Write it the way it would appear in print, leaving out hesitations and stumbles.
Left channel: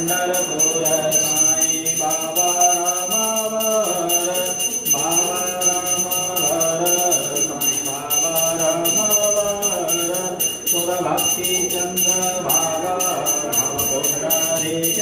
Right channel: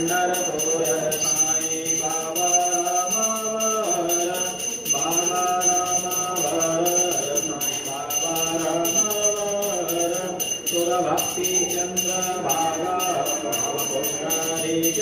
पंढरपूर साई बाबा रामावर बाबा रामावर साई बाबा रामावर सुरभक्ती चंद्र भागा भावपुष्कळेश